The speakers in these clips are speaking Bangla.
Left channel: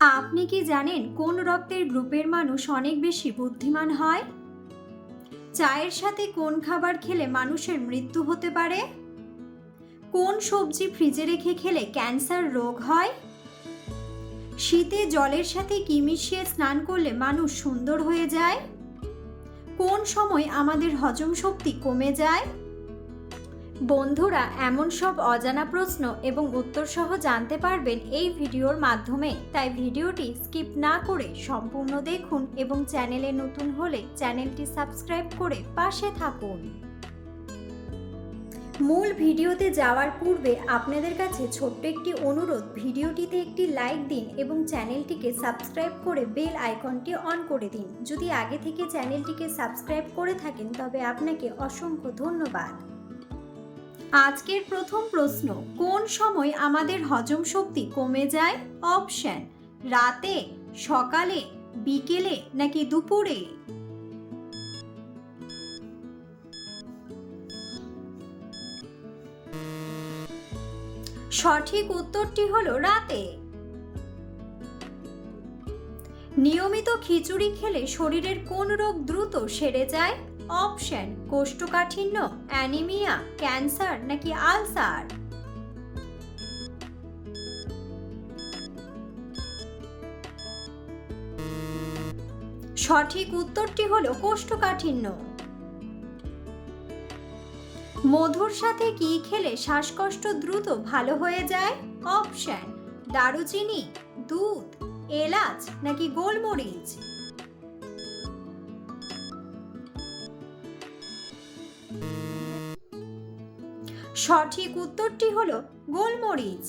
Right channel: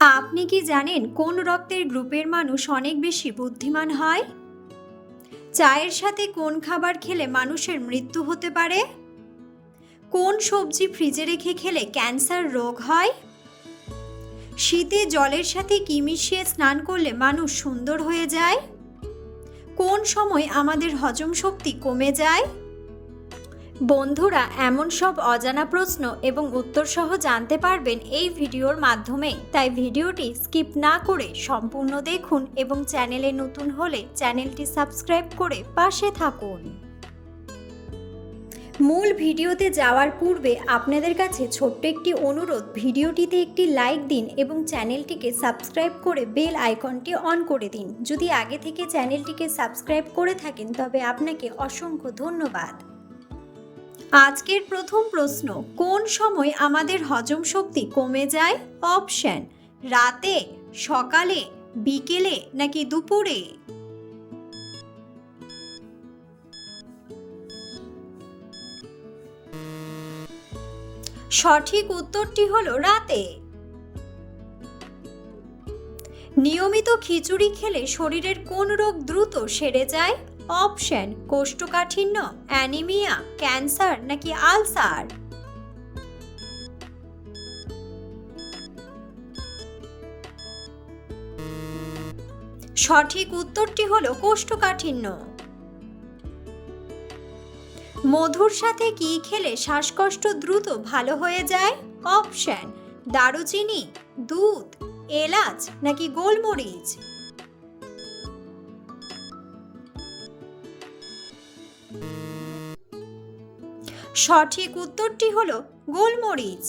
আপনি কি জানেন কোন রক্তের গ্রুপের মানুষ অনেক বেশি বুদ্ধিমান হয়? চায়ের সাথে কোন খাবার খেলে মানুষের মৃত্যু হতে পারে? কোন সবজি ফ্রিজে রেখে খেলে ক্যান্সার রোগ হয়? শীতে জলের সাথে কি মিশিয়ে স্নান করলে মানুষ সুন্দর হয়ে যায়? কোন সময় আমাদের হজম শক্তি কমে যায়? বন্ধুরা, এমন সব অজানা প্রশ্ন এবং উত্তর সহ জানতে পারবেন এই ভিডিওর মাধ্যমে। তাই ভিডিওটি স্কিপ না করে সম্পূর্ণ দেখুন এবং চ্যানেলে নতুন হলে চ্যানেলটি সাবস্ক্রাইব করে পাশে থাকুন। মূল ভিডিওতে যাওয়ার পূর্বে আপনাদের কাছে ছোট্ট একটি অনুরোধ, ভিডিওটিতে একটি লাইক দিন এবং চ্যানেলটিকে সাবস্ক্রাইব করে বেল আইকনটি অন করে দিন। যদি আগে থেকে চ্যানেলটিকে সাবস্ক্রাইব করে থাকেন তবে আপনাকে অসংখ্য ধন্যবাদ। আজকের প্রথম প্রশ্ন, কোন সময় আমাদের হজম শক্তি কমে যায়? অপশন: রাতে, সকালে, বিকেলে নাকি দুপুরে? সঠিক উত্তরটি হলো রাতে। নিয়মিত খিচুড়ি খেলে শরীরের কোন রোগ দ্রুত সেরে যায়? অপশন: কোষ্ঠকাঠিন্য, অ্যানিমিয়া, ক্যান্সার নাকি আলসার? সঠিক উত্তরটি হলো কোষ্ঠকাঠিন্য। মধুর সাথে কি খেলে শ্বাসকষ্ট দ্রুত ভালো হয়ে যায়? অপশন: দারুচিনি, দুধ, এলাচ নাকি গোলমরিচ? সঠিক উত্তরটি হলো গোলমরিচ।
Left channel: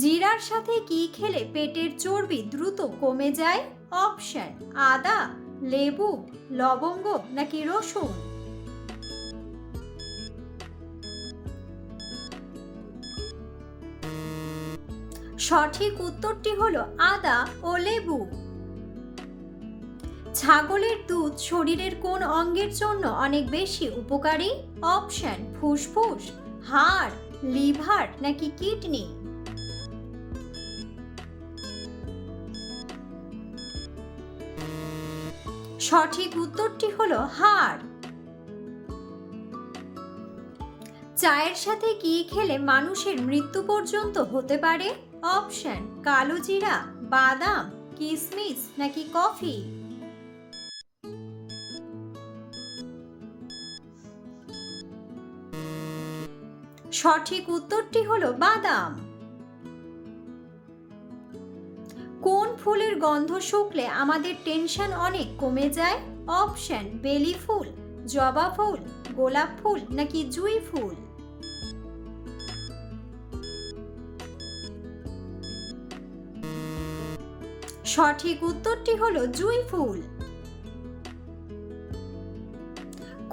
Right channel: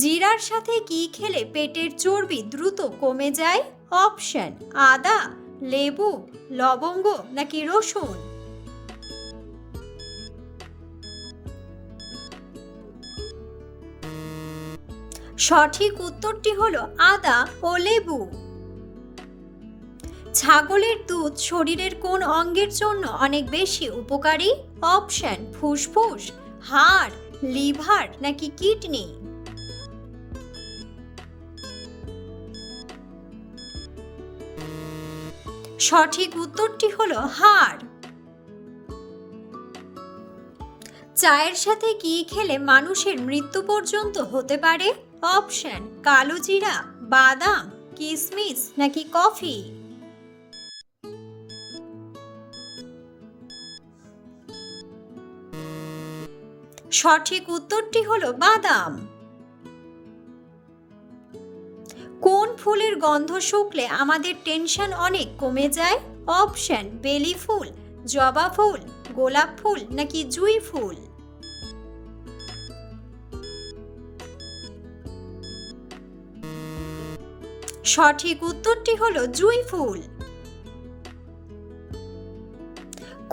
জিরার সাথে কি খেলে পেটের চর্বি দ্রুত কমে যায়? অপশন: আদা, লেবু, লবঙ্গ নাকি রসুন? সঠিক উত্তরটি হলো আদা ও লেবু। ছাগলের দুধ শরীরের কোন অঙ্গের জন্য অনেক বেশি উপকারী? অপশন: ফুসফুস, হাড়, লিভার নাকি কিডনি? সঠিক উত্তরটি হলো হাড়। চায়ের সাথে কি খেলে মানুষের মৃত্যু পর্যন্ত হতে পারে? অপশন: কালো জিরা, বাদাম, কিশমিশ নাকি কফি? সঠিক উত্তরটি হলো বাদাম। কোন ফুলের গন্ধ শুকলে আমাদের টেনশন অনেক কমে যায়? অপশন: বেলি ফুল, জবা ফুল, গোলাপ ফুল নাকি জুঁই ফুল? সঠিক উত্তরটি হলো জুঁই ফুল।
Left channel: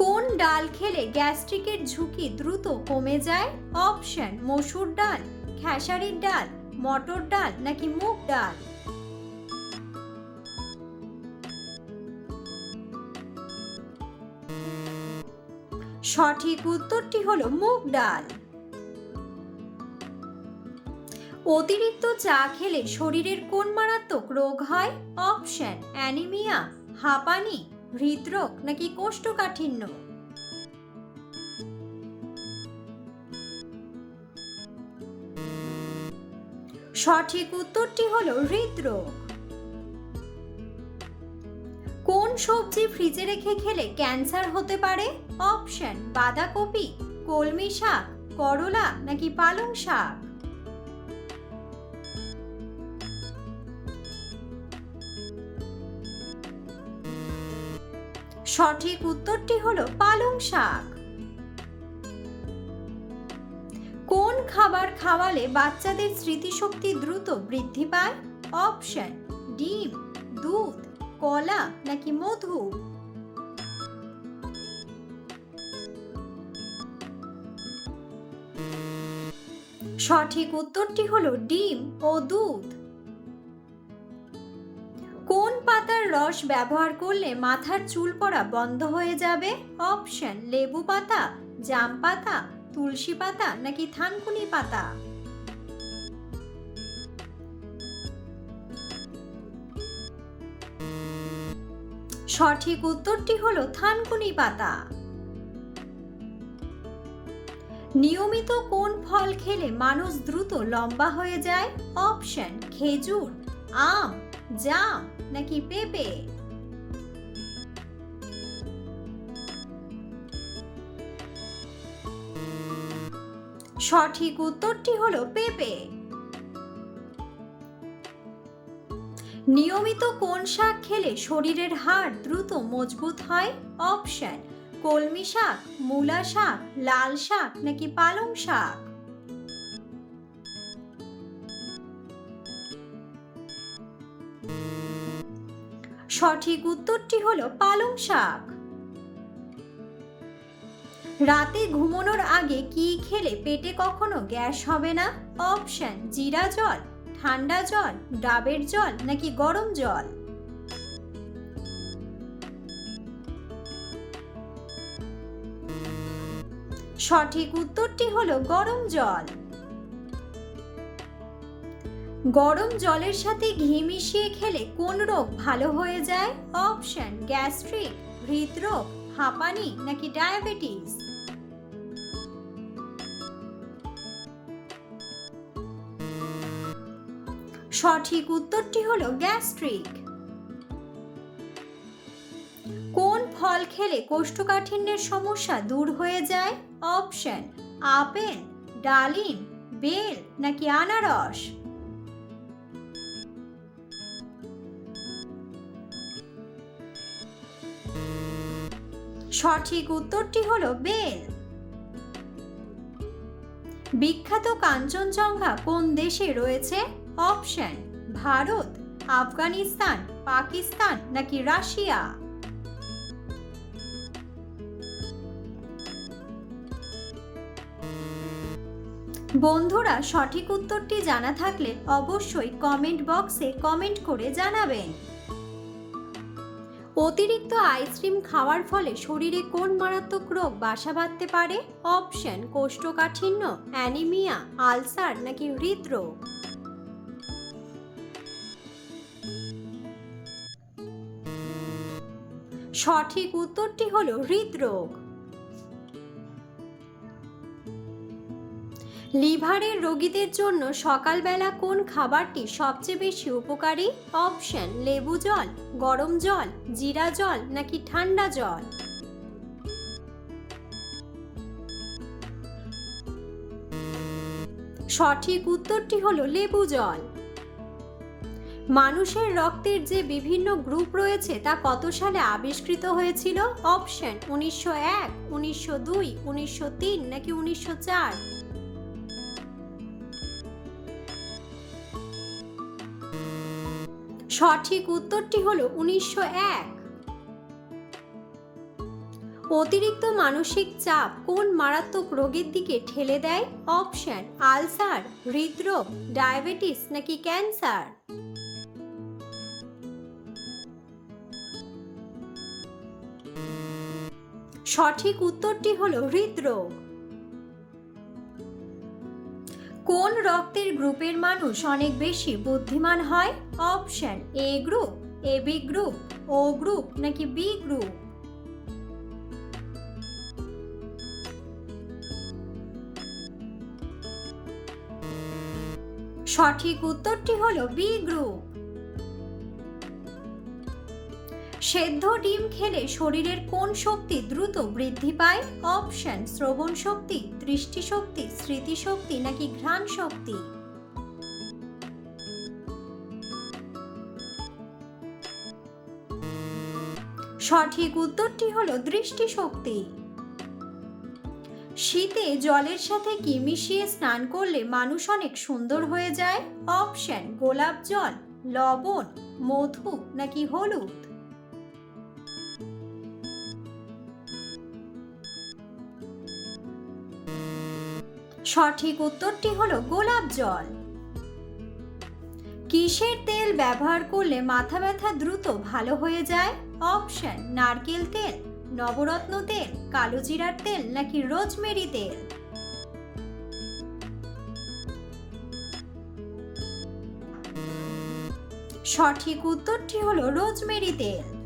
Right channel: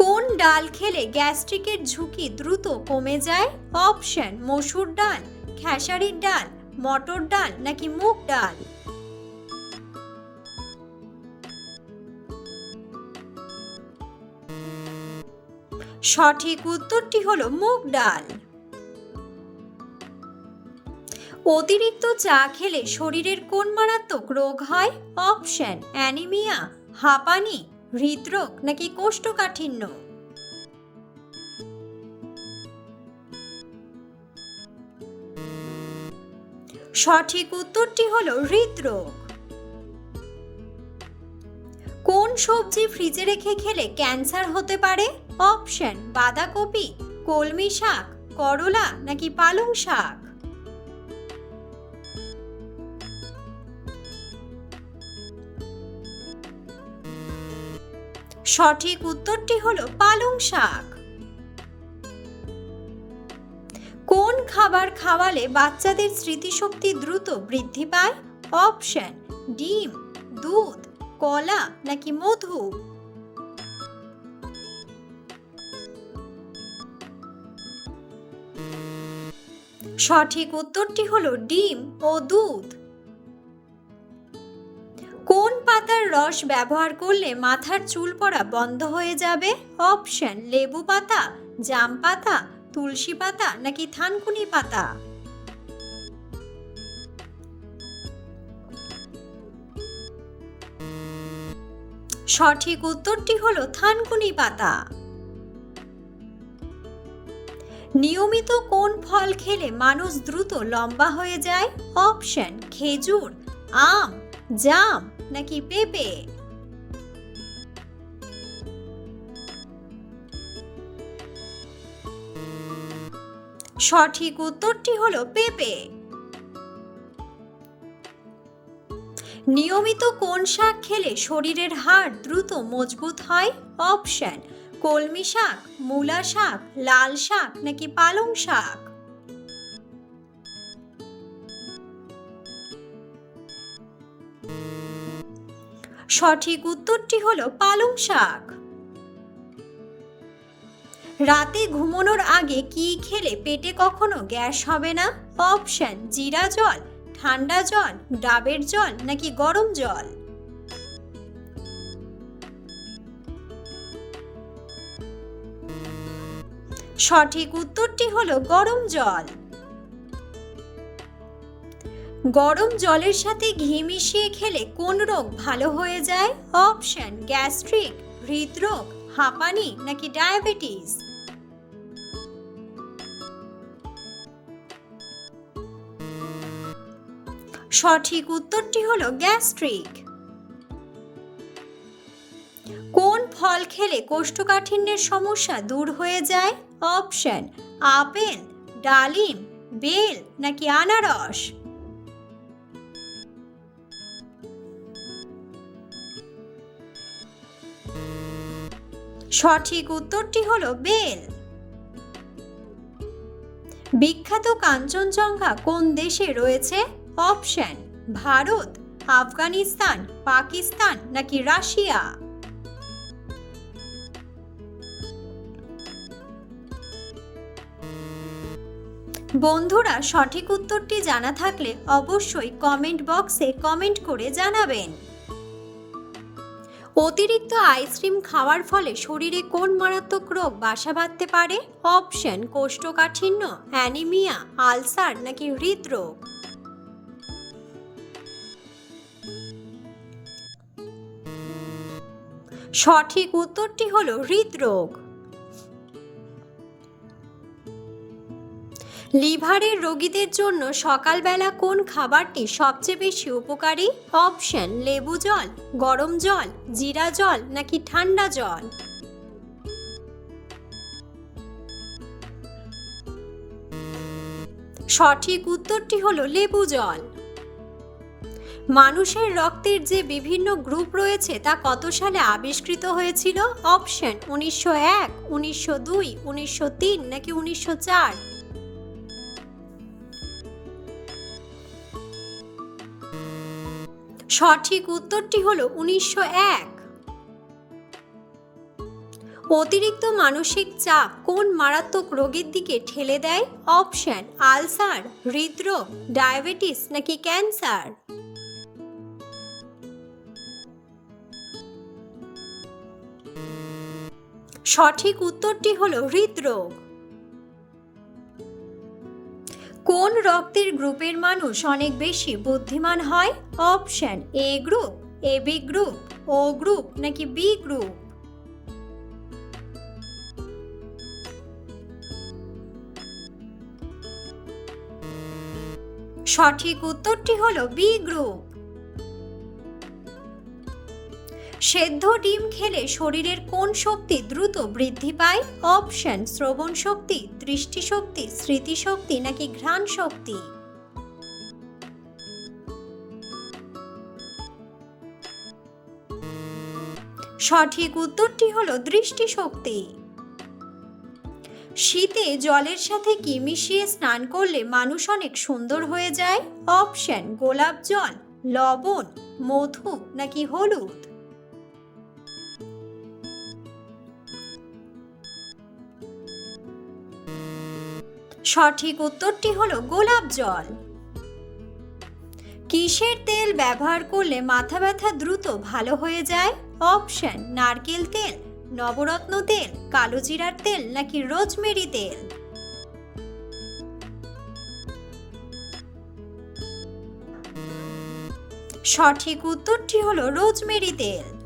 কোন ডাল খেলে গ্যাস্ট্রিকের ঝুঁকি দ্রুত কমে যায়? অপশন: মসুর ডাল, খেসারির ডাল, মটর ডাল নাকি মুগ ডাল? সঠিক উত্তরটি হলো মুগ ডাল। অতিরিক্ত চা খেলে শরীরের কোন মারাত্মক রোগ হয়? অপশন: অ্যানিমিয়া, হাঁপানি, হৃদরোগ নাকি কোষ্ঠকাঠিন্য? সঠিক উত্তরটি হলো হৃদরোগ। কোন সবজি ফ্রিজে রেখে খেলে ক্যান্সার হতে পারে? অপশন: বাঁধাকপি, কলমি শাক, করলা নাকি পালং শাক? সঠিক উত্তরটি হলো পালং শাক। কোন খাবার খাওয়ালে বাচ্চাদের স্মৃতিশক্তি দ্রুত বৃদ্ধি পায়? অপশন: ডিম, দুধ, কলা নাকি মধু? সঠিক উত্তরটি হলো ডিম ও দুধ। কোন পাতার রস ব্যবহার করলে মাথার চুল পড়া বন্ধ হয়ে যাবে? অপশন: লেবু পাতা, জাম পাতা, তুলসী পাতা নাকি থানকুনি পাতা? সঠিক উত্তরটি হলো থানকুনি পাতা। নিয়মিত কোন ফল খেলে মানুষ দ্রুত লম্বা হয়ে যায়? অপশন খেজুর, আম, জাম নাকি পেঁপে। সঠিক উত্তরটি হলো পেঁপে। নিয়মিত কোন শাক খেলে শরীরের হাড় দ্রুত মজবুত হয়? অপশন কলমি শাক, মূলা শাক, লাল শাক নাকি পালং শাক। সঠিক উত্তরটি হলো পালং শাক। রাতে ঘুমানোর আগে কি খেলে পেটে কখনো গ্যাস হবে না? অপশন জিরা জল, ঠান্ডা জল, ডাবের জল নাকি গরম জল। সঠিক উত্তরটি হলো গরম জল। গরম জলের সাথে ঘি মিশিয়ে খেলে কোন রোগ ভালো হয়ে যায়? অপশন গ্যাস্ট্রিক, হৃদরোগ, হাঁপানি নাকি ডায়াবেটিস। সঠিক উত্তরটি হলো গ্যাস্ট্রিক। কোন ফল খেলে কোষ্ঠকাঠিন্যের সমস্যা দূর হয়ে যায়? অপশন আপেল, ডালিম, বেল নাকি আনারস। সঠিক উত্তরটি হলো বেল। বিখ্যাত কাঞ্চনজঙ্ঘা কোন দেশে রয়েছে? অপশন ভারত, আফগানিস্তান, পাকিস্তান নাকি রাশিয়া। বন্ধুরা, সঠিক উত্তরটি জানা থাকলে অবশ্যই কমেন্ট বক্সে কমেন্ট করে জানাবেন। অতিরিক্ত আইসক্রিম খাওয়ার ফলে শরীরে কোন মারাত্মক রোগ বাসা বাঁধতে পারে? অপশন কোষ্ঠকাঠিন্য, অ্যানিমিয়া, আলসার নাকি হৃদরোগ। সঠিক উত্তরটি হলো হৃদরোগ। লিভারের রোগীদের জন্য সকালবেলা কোন খাবারটি সবচেয়ে বেশি উপকারী? অপশন লেবু জল, গরম জল, জিরা জল নাকি ঠান্ডা জল। সঠিক উত্তরটি হলো লেবু জল। মানুষের রক্তের যে বিভিন্ন গ্রুপ রয়েছে তা কত সালে আবিষ্কৃত হয়েছিল? অপশন 1901, 1902, 1903 নাকি 1904। সঠিক উত্তরটি হলো 1901। অতিরিক্ত মানসিক চাপ কোন মারাত্মক রোগের দিকে ঠেলে দেয়? অপশন আলসার, হৃদরোগ, ডায়াবেটিস নাকি ক্যান্সার। সঠিক উত্তরটি হলো হৃদরোগ। কোন রক্তের গ্রুপের মানুষ অনেক বেশি বুদ্ধিমান হয়? Option A group, AB group, O group নাকি বি গ্রুপ। সঠিক উত্তরটি হলো বি গ্রুপ। সেদ্ধ ডিম খেলে শরীরের কোন শক্তি দ্রুত বৃদ্ধি পায়? অপশন শ্রবণ শক্তি, দৃষ্টিশক্তি, স্মৃতিশক্তি নাকি ঘ্রাণ শক্তি। সঠিক উত্তরটি হলো দৃষ্টিশক্তি। শীতে জলের সাথে কি মিশিয়ে স্নান করলে মানুষ অনেক সুন্দর হয়ে যায়? অপশন গোলাপ জল, লবণ, মধু নাকি হলুদ। সঠিক উত্তরটি হলো গোলাপ জল। কিসের তেল ব্যবহার করলে মাথা ব্যথা দ্রুত ভালো হয়ে যায়? অপশন নারকেল তেল, নবরত্ন তেল, কালো জিরার তেল নাকি রোজমেরি তেল। সঠিক উত্তরটি হলো রোজমেরি তেল।